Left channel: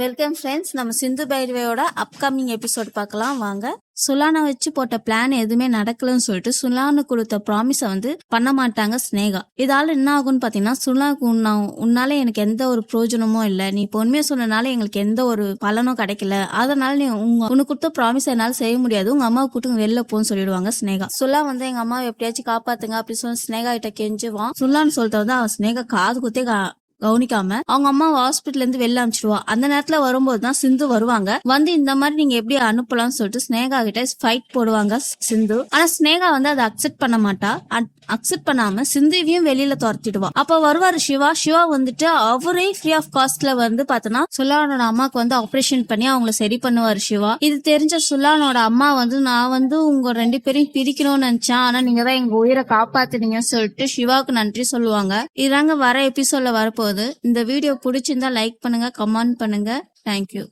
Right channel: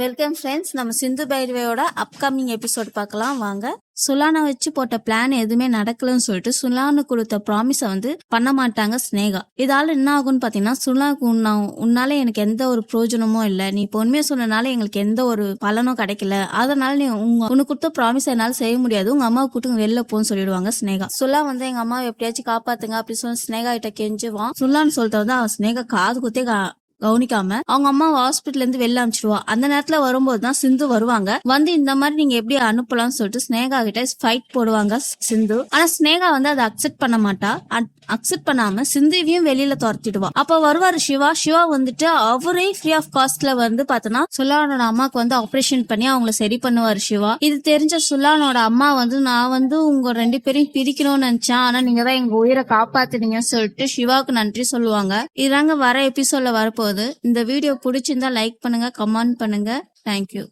Welcome friends. நம்ம சிந்து பைரவியோட upcoming episode பார்க்கலாம் வாங்க. சுலானை வச்சு போட்ட பிளான் எதுவுமே நடக்கலன்னு சொல்லிட்டு சுலானு கொடுத்த ப்ராமிஸை பண்ண மாட்டாங்க ஸ்னேகா. இதால என்ன ஆகும்னு பாத்தீங்கன்னா, சுலாவுக்கு உன்னால எனக்கு எந்த ஒரு பிரயோஜனமும் இல்லை, நீ பொறுமையா சொன்னனால எங்களுக்கு எந்த ஒரு பலனும் கிடைக்கல, அதனால நீ உனக்கு கொடுத்த ப்ராமிஸ் என்னால செய்ய முடியாது, உங்க அம்மாவை கூட்டு வெளில போன்னு சொல்லிடுவாங்க ஸ்னேகா. சுலா எங்க அம்மாவை எப்படியாச்சும் காப்பாத்துங்க அப்படி சொல்லி ஸ்னேகா கிட்ட கெஞ்சுவான். சுலான்னு சொல்லிட்டு அவன் ஸ்னேகா காது குத்தே கவனிக்காம அவங்க அம்மா ஹாஸ்பிட்டல் இருந்து வெளில அனுப்பிச்சிடுவா. அந்த நேரத்துல வரும்போதுதான் சிந்து வருவாங்க. இந்த மாதிரி நீங்க எப்படி அனுப்பலாம்னு சொல்லிட்டு ஸ்னேகா கிட்ட ஃபைட் போடுவாங்க சிந்து. ஆனா ஸ்னேகா அதை அக்செப்ட் பண்ண மாட்டா. அக்செப்ட் பண்ணாம சிந்துவையும் வெளியில துரத்திடுவா. அப்ப வருவாரு சிவா. அவரே ஃப்ரீ ஆஃப் காஸ்ட்ல பாத்தனா சுலானோட அம்மாக்கு ஆபரேஷன் பண்ணி அவங்களை சரி பண்ணுவாரு சிவா. இது தெரிஞ்ச சுலானோட அம்மா நான் உங்க 2 பேரையும் பிரிக்கணும்னு நினைச்சேன், ஆனா நீங்க தான் எங்க உயிரை காப்பாத்துனீங்கன்னு சொல்லிட்டு சிவாவுக்கு நன்றி சொல்லுவாங்க. இதாங்க வர எபிசோட்ல வரப்போகுது. இந்த வீடியோ பிடிச்சிருந்தா லைக் பண்ணுங்க, கமெண்ட் பண்ணுங்க. தேங்க்யூ.